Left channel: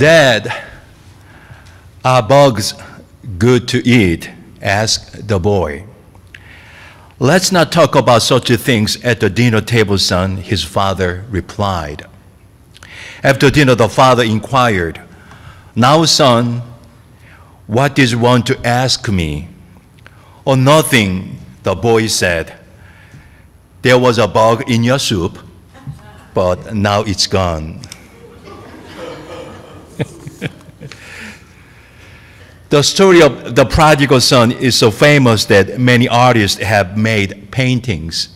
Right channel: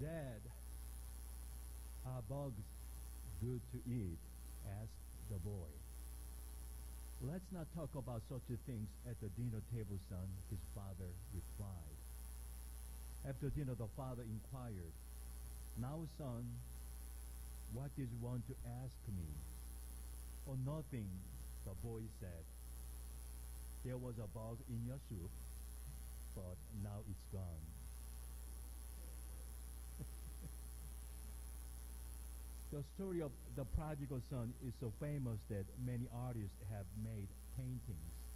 "Dad, are bugs good to eat?" asked the boy. "Let's not talk about such things at the dinner table, son," his father replied. After dinner, the father inquired, "Now, son, what did you want to ask me?" "Oh, nothing," the boy said. "There was a bug in your soup, but now it's gone." The story of the prodigal son is so famous that many artists have made paintings.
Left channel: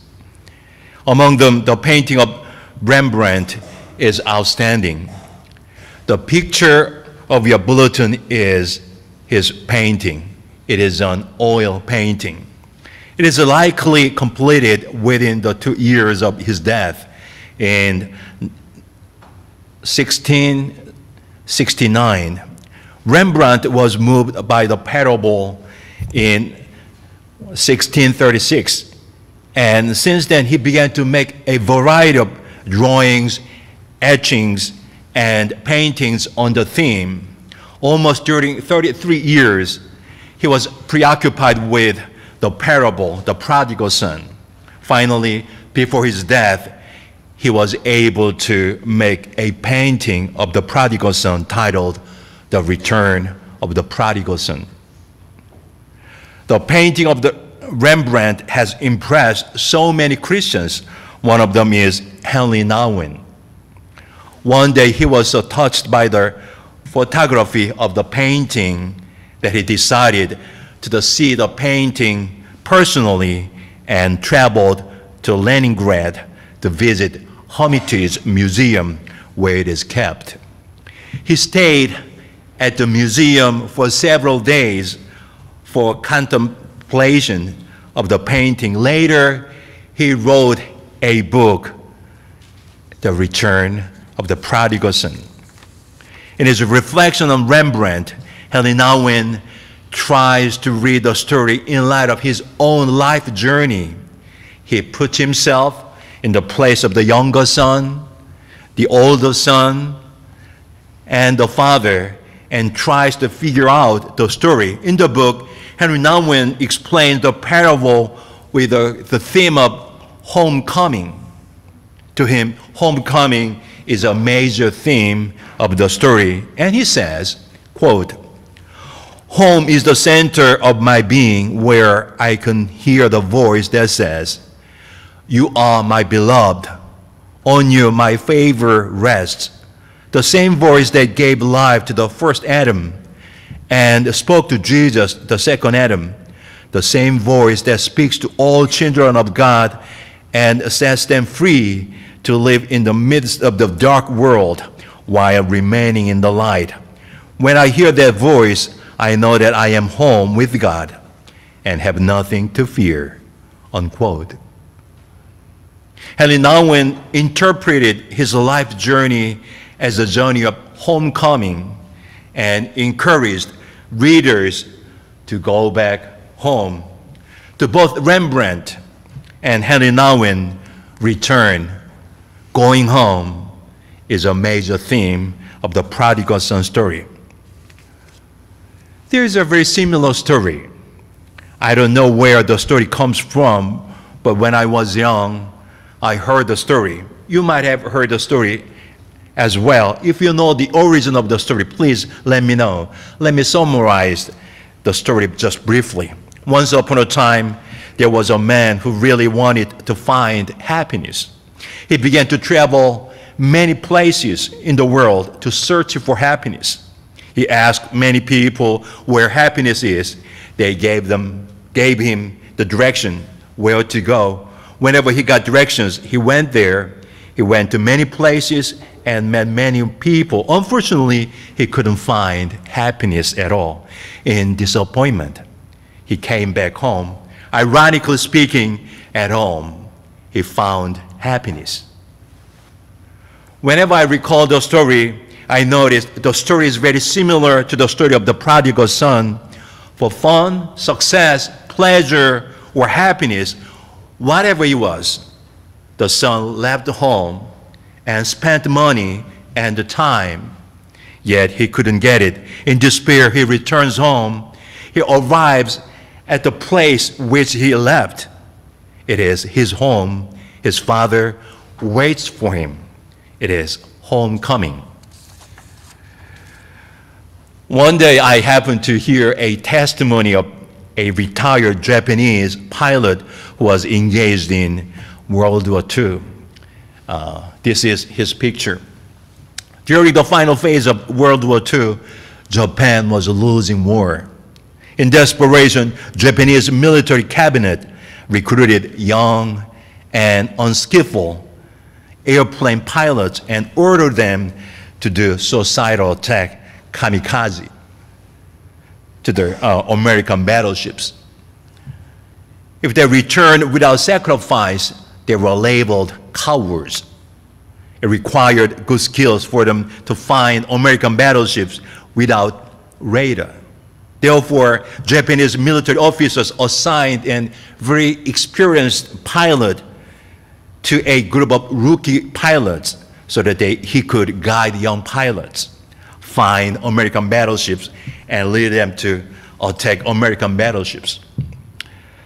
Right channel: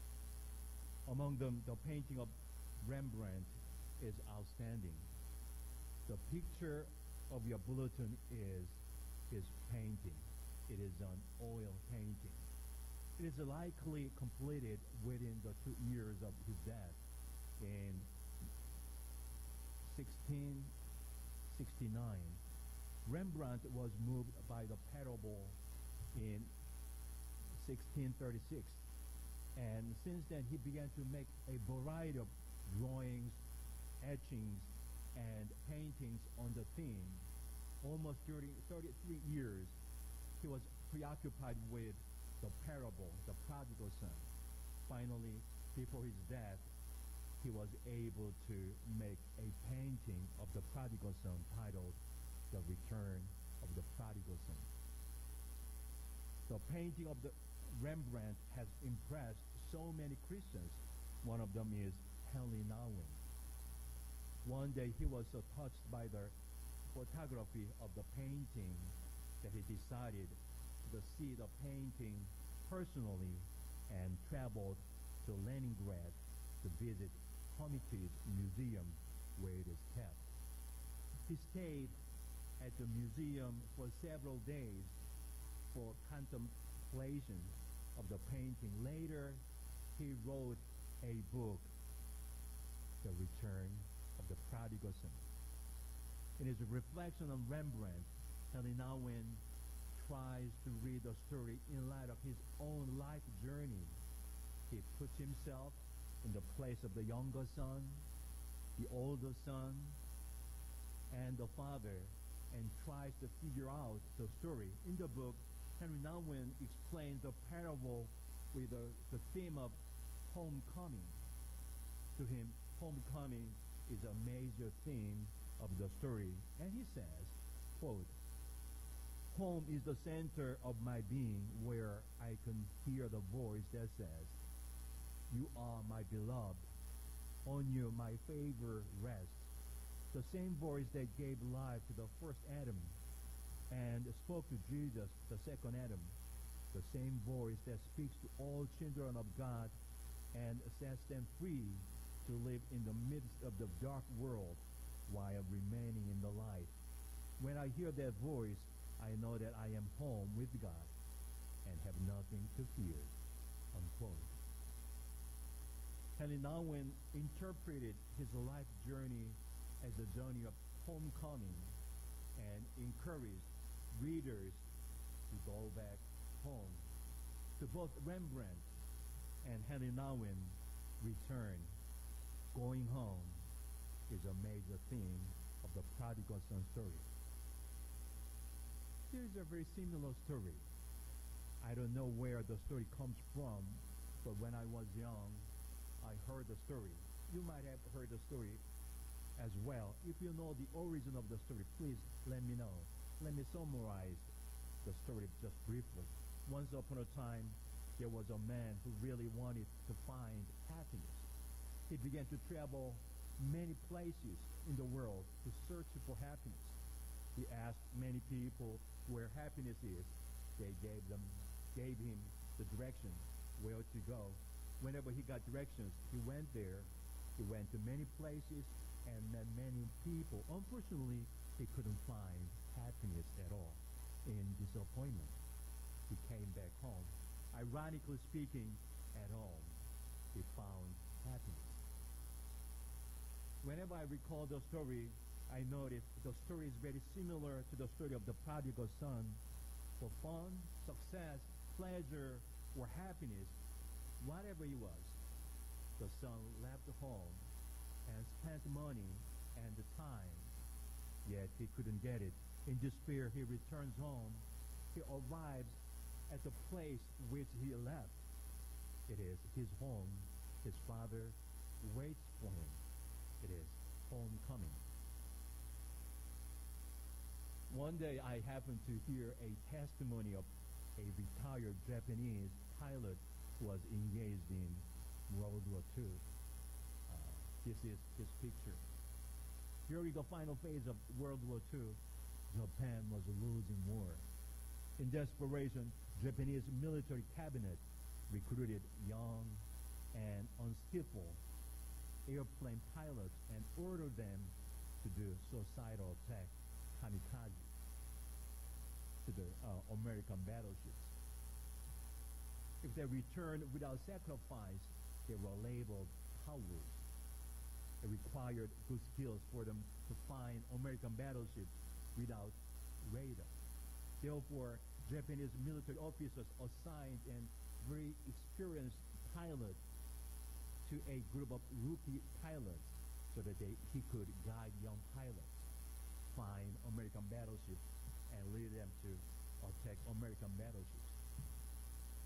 Among them, the painting of Rembrandt is outstanding. The picture of your bulletin is his painting. It is an oil painting. It is likely completed within the 2 years of his death in 1669. Rembrandt was moved by the parable in 1636. And since then, he began to make a variety of drawings, etchings, and paintings on the theme. Almost during 33 years, he was preoccupied with the parable, the prodigal son. Finally, before his death, he was able to make a painting of the prodigal son titled "The Return of the Prodigal Son." The painting of the Rembrandt has impressed so many Christians. One of them is Henry Nouwen. One day he was so touched by the photography of the painting that he decided to see the painting personally and traveled to Leningrad to visit Hermitage Museum where it is kept. He stayed at the museum for several days for contemplation of the painting. Later, he wrote a book, "The Return of the Prodigal Son." In his reflection on Rembrandt, Henry Nouwen tries to read the story in light of his own life journey. He puts himself in the place of the younger son, the older son, and the father, and tries to figure out the story. In the book, Henry Nouwen explains the parable with the theme of homecoming. To him, homecoming is a major theme of the story. And he says, quote, "Home is the center of my being, where I can hear the voice that says, 'You are my beloved. On you my favor rests.' The same voice that gave life to the first Adam and spoke to Jesus, the second Adam. The same voice that speaks to all children of God and sets them free to live in the midst of the dark world while remaining in the light. When I hear that voice, I know that I am home with God and have nothing to fear." Unquote. Henry Nouwen interpreted his life journey as a journey of homecoming and encouraged readers to go back home. To both Rembrandt and Henry Nouwen, return, going home, is a major theme of the prodigal son story. There is a very similar story. I don't know where the story comes from, but when I was young, I heard the story. You might have heard the story as well. If you know the origin of the story, please let me know. Let me summarize the story just briefly. Once upon a time, there was a man who really wanted to find happiness. He began to travel many places in the world to search for happiness. He asked many people where happiness is. They gave him the direction where to go. Whenever he got directions, he went there. He went to many places and met many people. Unfortunately, he couldn't find happiness at all. In disappointment, he came back home. Ironically speaking, at home, he found happiness. Whenever I recall the story, I notice the story is very similar to the story of the prodigal son. For fun, success, pleasure, or happiness, whatever it was, the son left home and spent money and the time. yet he couldn't get it. In despair, he returns home. He arrives at the place which he left. It is his home. His father waits for him. It is homecoming. One day I happened to hear a testimony of a retired Japanese pilot who was engaged in World War II. This is his picture. During the final phase of World War II, Japan was losing war. In desperation, Japanese military cabinet recruited young and unskillful airplane pilots and ordered them to do suicidal attack, kamikaze, to their American battleships. If they returned without sacrifice, they were labeled cowards. It required good skills for them to find American battleships without radar. Therefore, Japanese military officers assigned a very experienced pilot to a group of rookie pilots so that he could guide young pilots, find American battleships, and lead them to attack American battleships.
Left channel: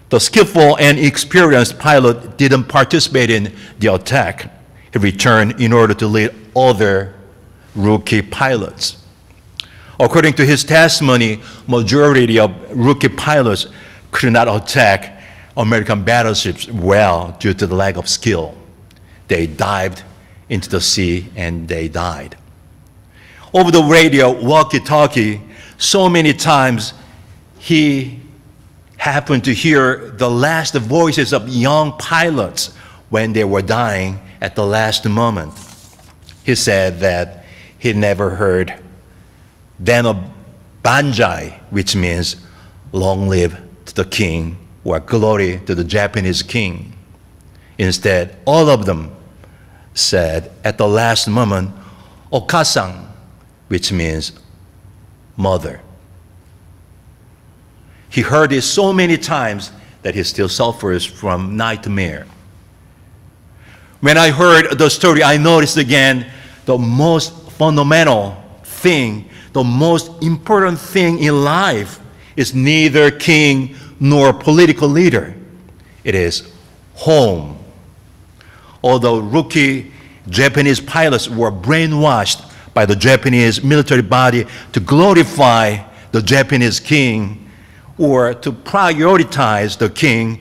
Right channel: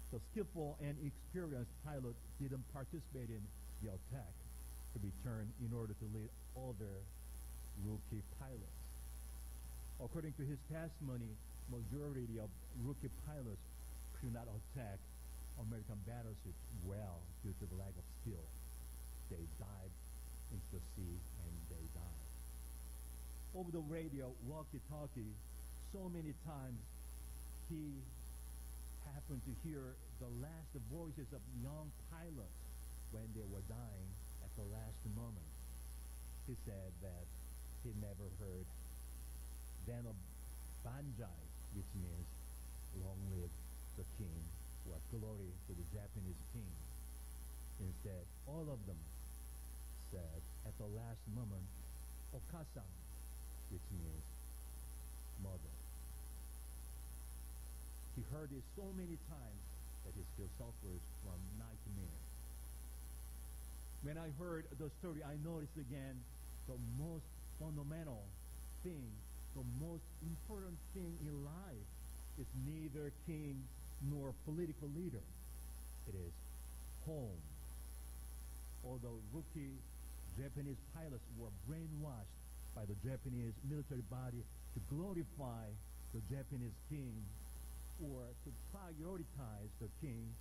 The skillful and experienced pilot didn't participate in the attack. He returned in order to lead other rookie pilots. According to his testimony, majority of rookie pilots could not attack American battleships well due to the lack of skill. They dived into the sea and they died. Over the radio, walkie-talkie, so many times he happened to hear the last voices of young pilots when they were dying at the last moment. He said that he never heard Dano Banzai, which means long live to the king or glory to the Japanese king. Instead, all of them said at the last moment, Okasan, which means mother. He heard it so many times that he still suffers from nightmare. When I heard the story, I noticed again the most fundamental thing, the most important thing in life is neither king nor political leader. It is home. Although rookie Japanese pilots were brainwashed by the Japanese military body to glorify the Japanese king or to prioritize the king,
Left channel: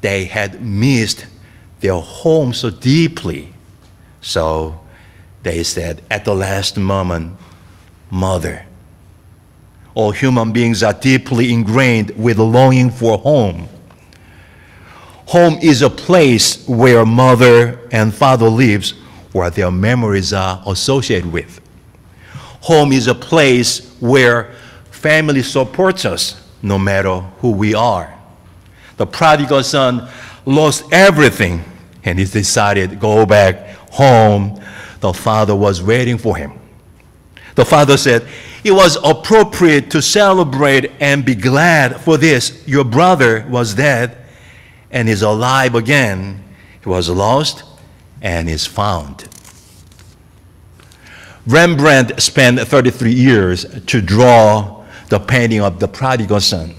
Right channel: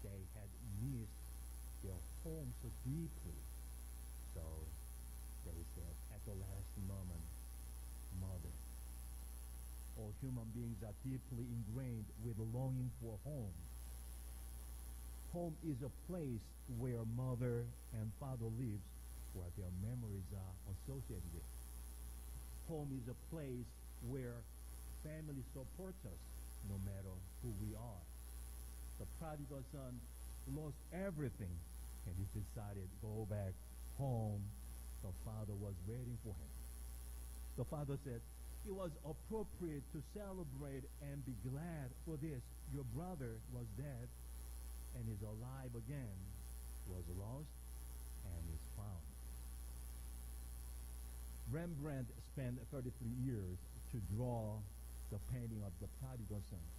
they had missed their home so deeply. So they said at the last moment, mother. All human beings are deeply ingrained with a longing for home. Home is a place where mother and father lives, where their memories are associated with. Home is a place where family supports us, no matter who we are. The prodigal son lost everything, and he decided to go back home. The father was waiting for him. The father said, it was appropriate to celebrate and be glad for this. Your brother was dead and is alive again. He was lost and is found. Rembrandt spent 33 years to draw the painting of the prodigal son.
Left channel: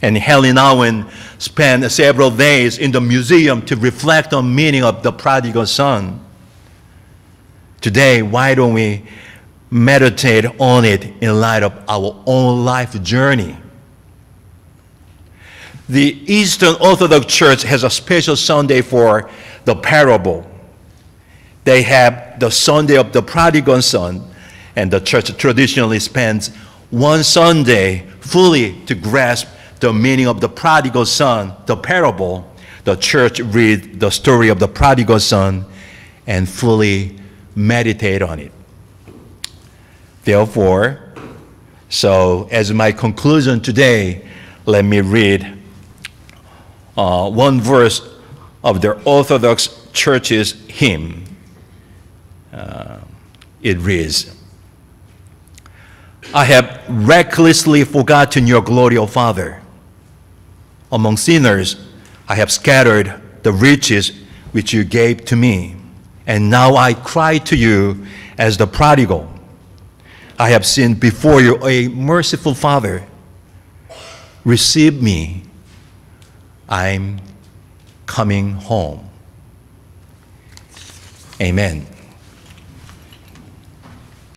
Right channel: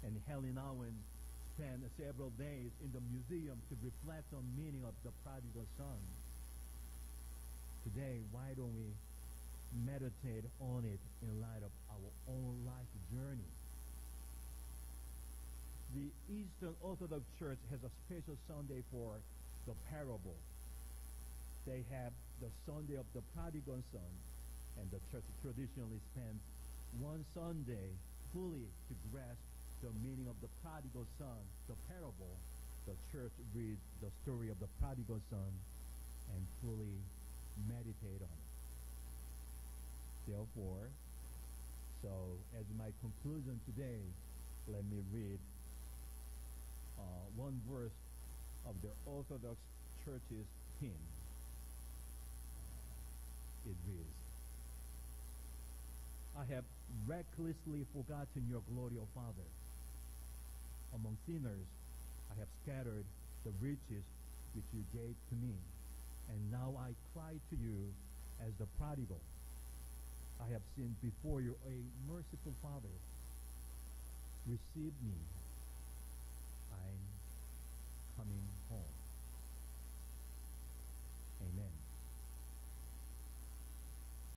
And Helen Owen spent several days in the museum to reflect on the meaning of the prodigal son. Today, why don't we meditate on it in light of our own life journey? The Eastern Orthodox Church has a special Sunday for the parable. They have the Sunday of the prodigal son, and the church traditionally spends one Sunday fully to grasp the meaning of the prodigal son, the parable. The church reads the story of the prodigal son and fully meditate on it. Therefore, so as my conclusion today, let me read one verse of the Orthodox Church's hymn. It reads, I have recklessly forgotten your glory, O Father. Among sinners, I have scattered the riches which you gave to me, and now I cry to you as the prodigal. I have sinned before you, a merciful Father. Receive me. I'm coming home. Amen.